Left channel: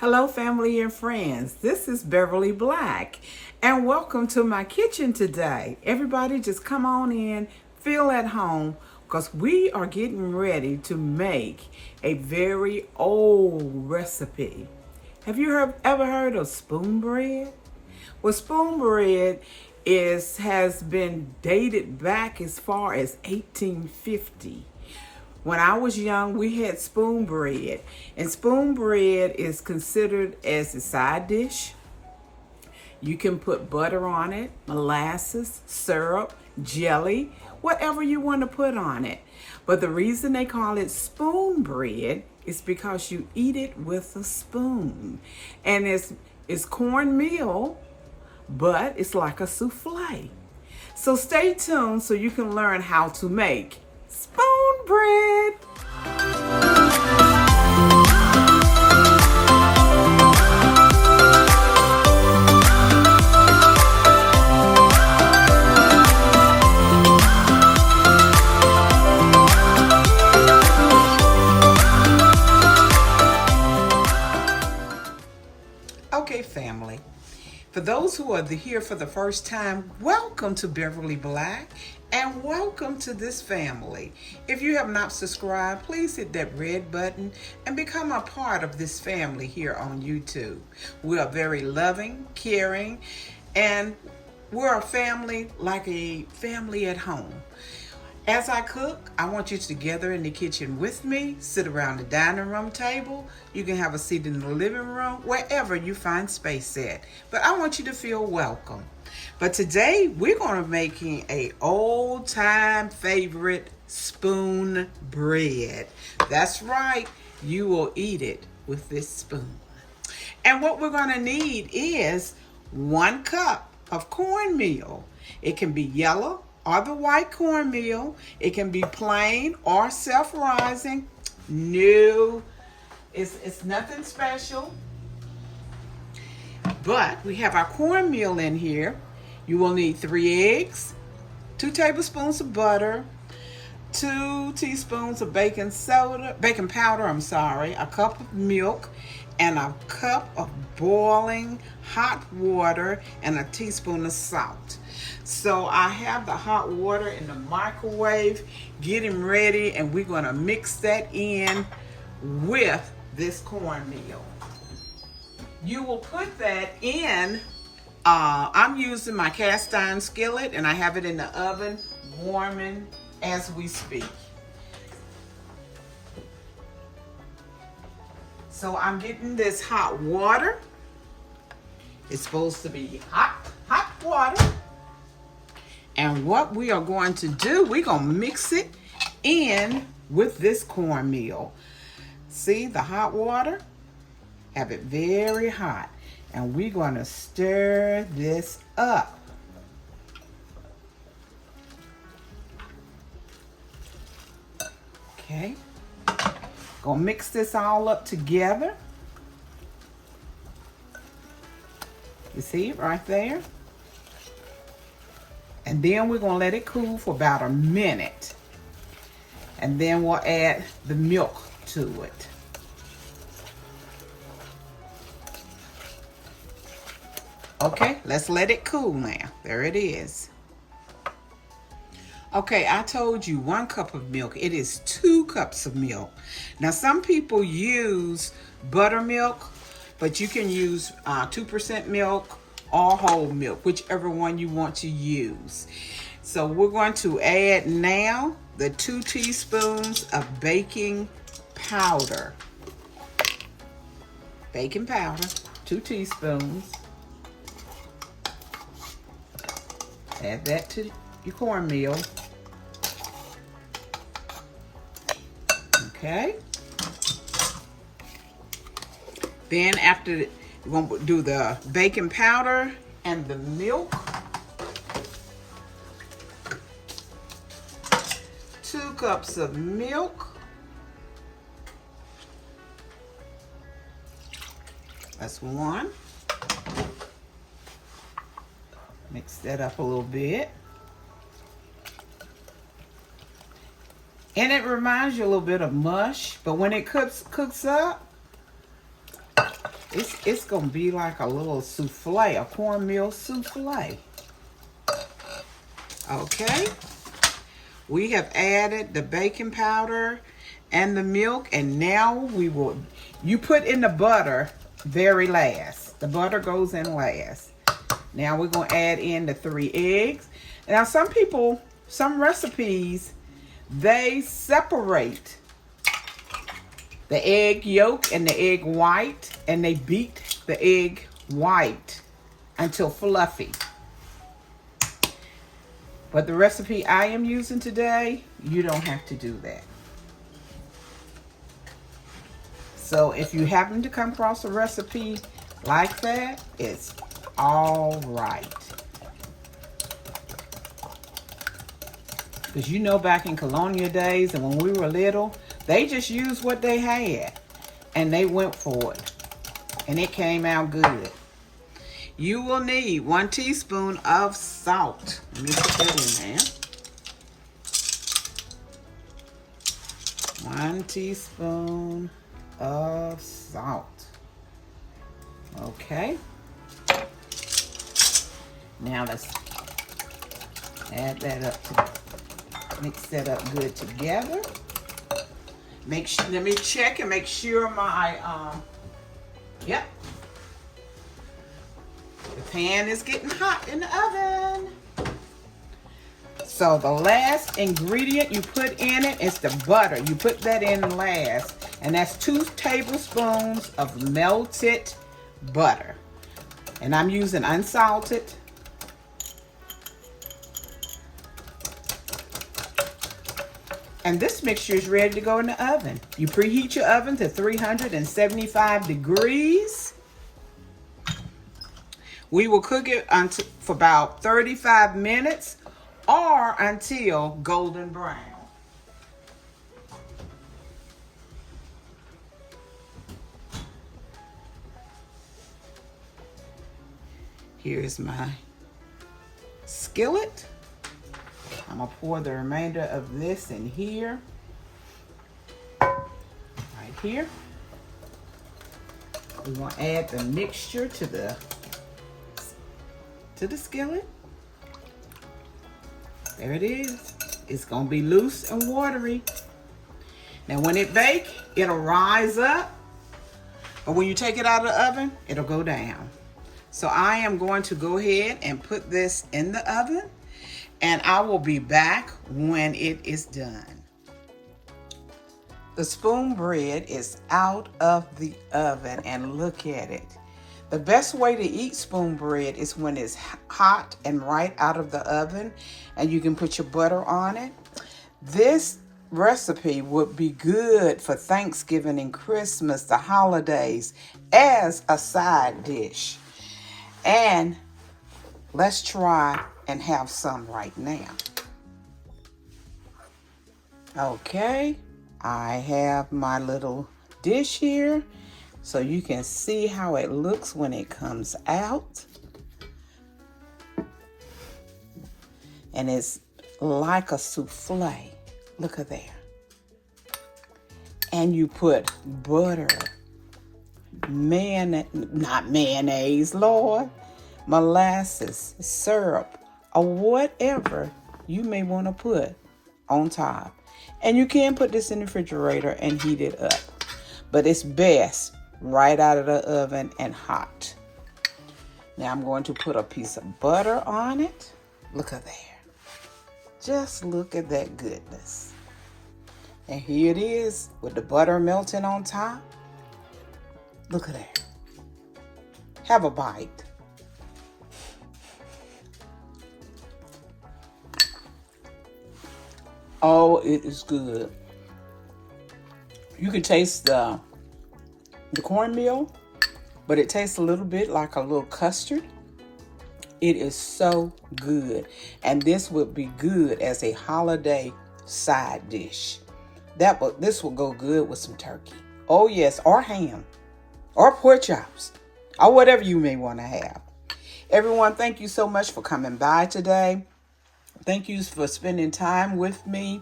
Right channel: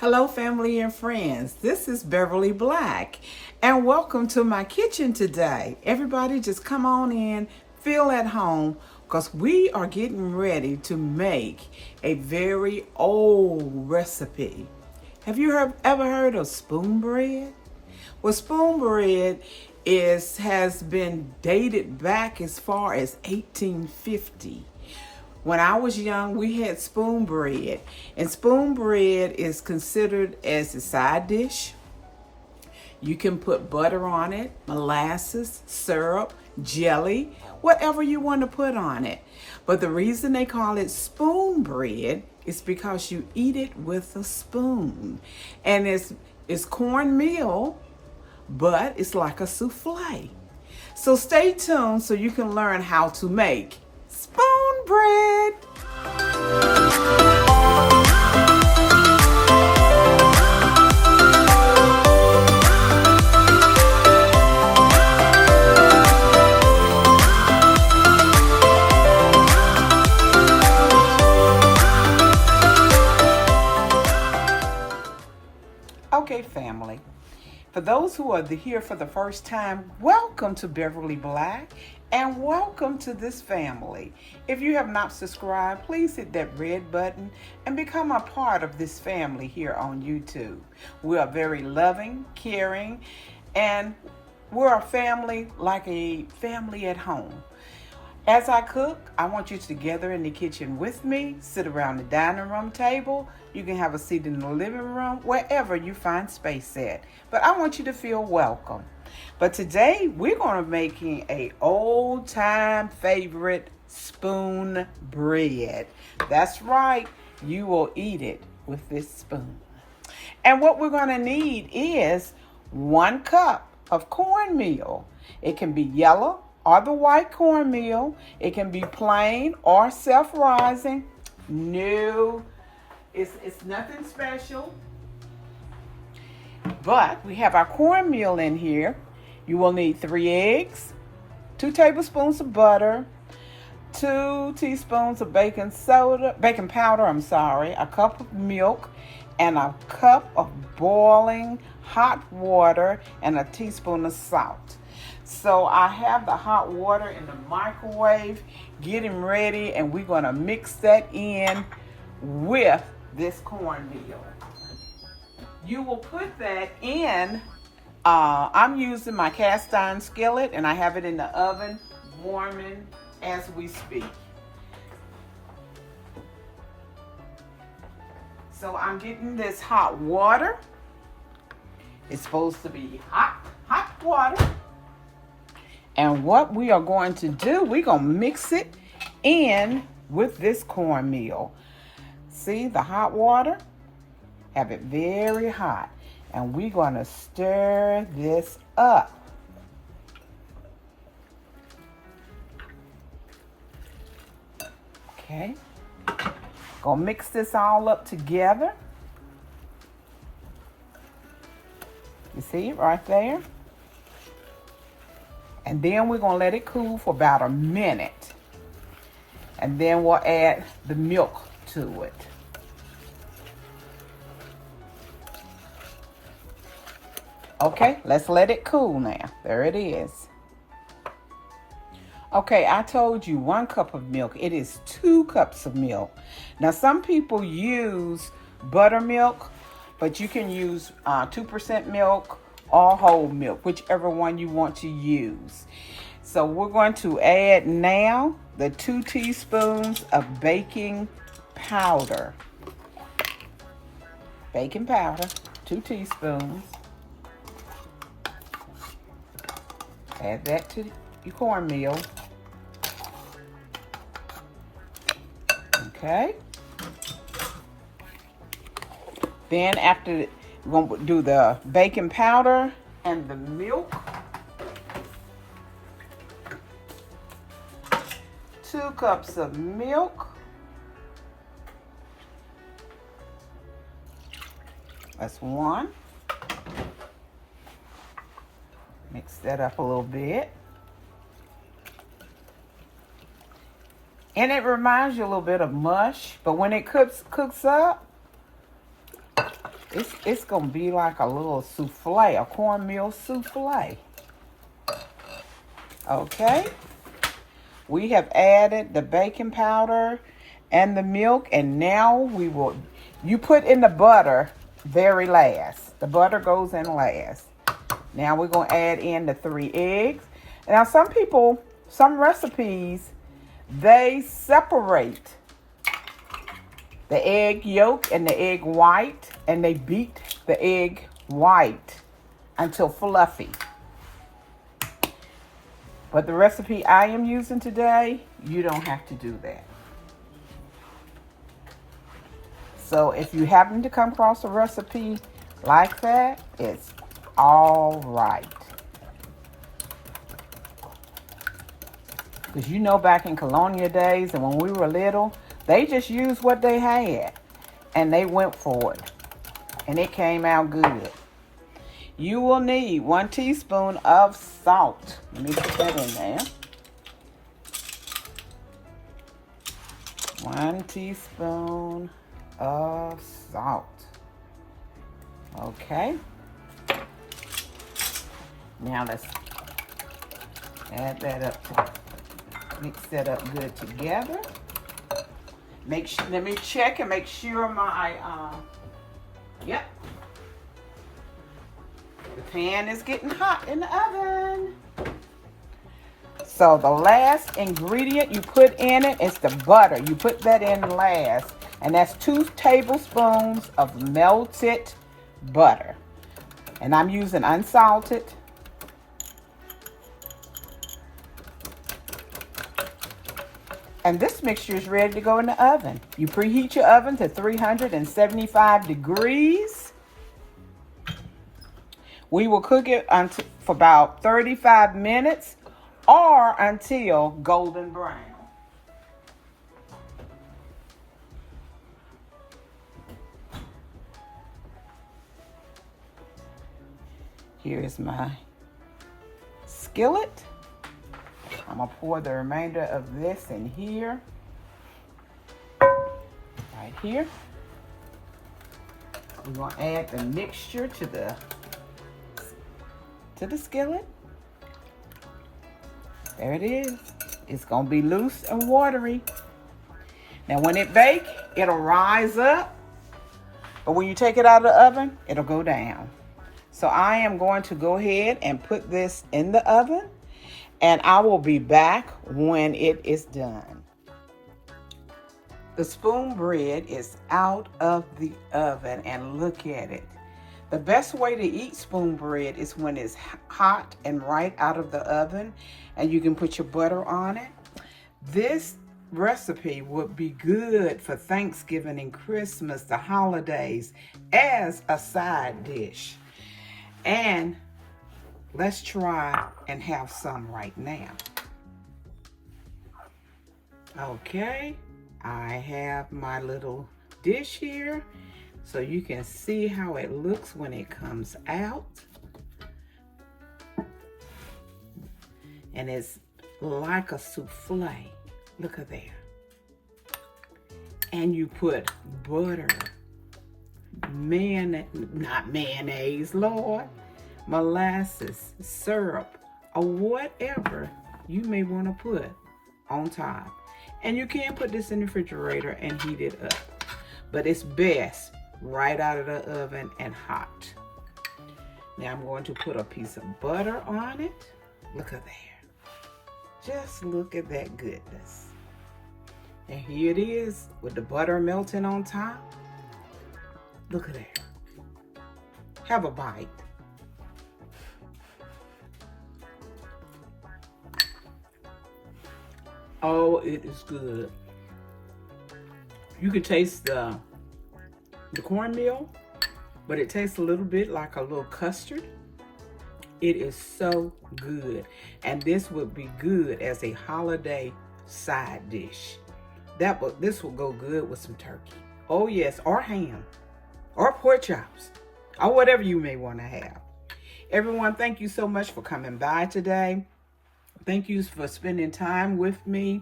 Hello, family and friends. This is Beverly Black, and welcome to my kitchen today. Everybody just come on in, feel at home, because we are getting ready to make a very old recipe. Have you ever heard of spoon bread? Well, spoon bread has been dated back as far as 1850. When I was young, we had spoon bread, and spoon bread is considered as a side dish. You can put butter on it, molasses, syrup, jelly, whatever you want to put on it. But the reason they call it spoon bread is because you eat it with a spoon. And it's cornmeal, but it's like a souffle. So stay tuned so you can learn how to make spoon bread. Okay, family. For those who are here for the first time, welcome to Beverly Black and welcome to this family. If you have not subscribed, please hit that red button and become a part of this family here on YouTube. We are very loving, caring, and we're a family like a family at home. As I cook, I want you to gather in the kitchen with me, sit around the dining room table. You can have a seat in the living room, wherever you find space at. But I want you to feel welcome. But today, we're going to be making a old-time favorite spoon bread. That's right, you will eat it with this spoon. And what we're going to need is 1 cup of cornmeal. It can be yellow or the white cornmeal. It can be plain or self-rising. No, it's nothing special. But we have our cornmeal in here. You will need 3 eggs, 2 tablespoons of butter, 2 teaspoons of baking powder, a cup of milk, and a cup of boiling hot water, and a teaspoon of salt. So I have the hot water in the microwave getting ready, and we're going to mix that in with this cornmeal. You will put that in, I'm using my cast iron skillet, and I have it in the oven warming as we speak. So I'm getting this hot water. It's supposed to be hot water. And what we are going to do, we're going to mix it in with this cornmeal. See the hot water? Have it very hot. And we're going to stir this up. Okay. Gonna mix this all up together. You see it right there? And then we're gonna let it cool for about a minute. And then we'll add the milk to it. Okay, let's let it cool now. There it is. Okay, I told you 1 cup of milk. It is 2 cups of milk. Now, some people use buttermilk, but you can use 2% milk or whole milk, whichever one you want to use. So we're going to add now the 2 teaspoons of baking powder. Baking powder, 2 teaspoons. Add that to your cornmeal. Okay. Then after, we're going to do the baking powder and the milk. 2 cups of milk. That's 1. Mix that up a little bit. And it reminds you a little bit of mush, but when it cooks up, It's gonna be like a little souffle, a cornmeal souffle. Okay. We have added the baking powder and the milk, and now you put in the butter very last. The butter goes in last. Now we're gonna add in the 3 eggs. Now some recipes, they separate the egg yolk and the egg white, and they beat the egg white until fluffy. But the recipe I am using today, you don't have to do that. So if you happen to come across a recipe like that, it's all right. Because you know, back in colonial days and when we were little, they just used what they had and they went for it. And it came out good. You will need 1 teaspoon of salt. Let me put that in there. 1 teaspoon of salt. Okay. Now let's add that up mix that up good together. Let me check and make sure my, yep. The pan is getting hot in the oven. So the last ingredient you put in it is the butter. You put that in last. And that's 2 tablespoons of melted butter. And I'm using unsalted. And this mixture is ready to go in the oven. You preheat your oven to 375 degrees. We will cook it for about 35 minutes or until golden brown. Here's my skillet. I'm gonna pour the remainder of this in here, right here. We're gonna add the mixture to the skillet. There it is. It's gonna be loose and watery. Now when it bakes, it'll rise up, but when you take it out of the oven, it'll go down. So I am going to go ahead and put this in the oven, and I will be back when it is done. The spoon bread is out of the oven, and look at it. The best way to eat spoon bread is when it's hot and right out of the oven, and you can put your butter on it. This recipe would be good for Thanksgiving and Christmas, the holidays, as a side dish. And let's try and have some right now. Okay, I have my little dish here so you can see how it looks when it comes out. And it's like a souffle. Look at there. And you put butter, not mayonnaise, Lord, molasses, syrup, or whatever you may want to put on top. And you can put this in the refrigerator and heat it up. But it's best right out of the oven and hot. Now I'm going to put a piece of butter on it. Look at there. Just look at that goodness. And here it is with the butter melting on top. Look at that. Have a bite. Oh, it is good. You can taste the cornmeal, but it tastes a little bit like a little custard. It is so good. And this would be good as a holiday side dish. This will go good with some turkey. Oh yes, or ham, or pork chops, or whatever you may want to have. Everyone, thank you so much for coming by today. Thank you for spending time with me.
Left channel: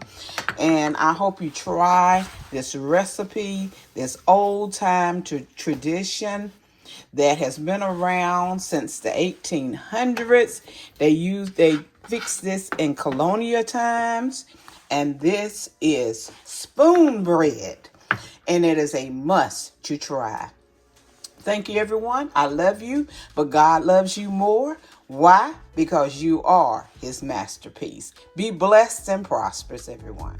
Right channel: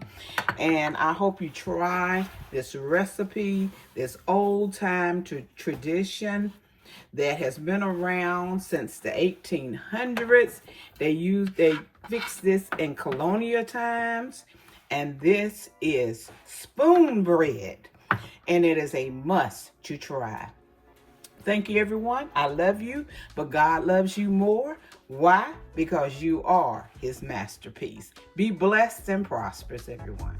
And I hope you try this recipe, this old time tradition. that has been around since the 1800s. They fixed this in colonial times, and this is spoon bread, and it is a must to try. Thank you, everyone. I love you, but God loves you more. Why? Because you are his masterpiece. Be blessed and prosperous, everyone.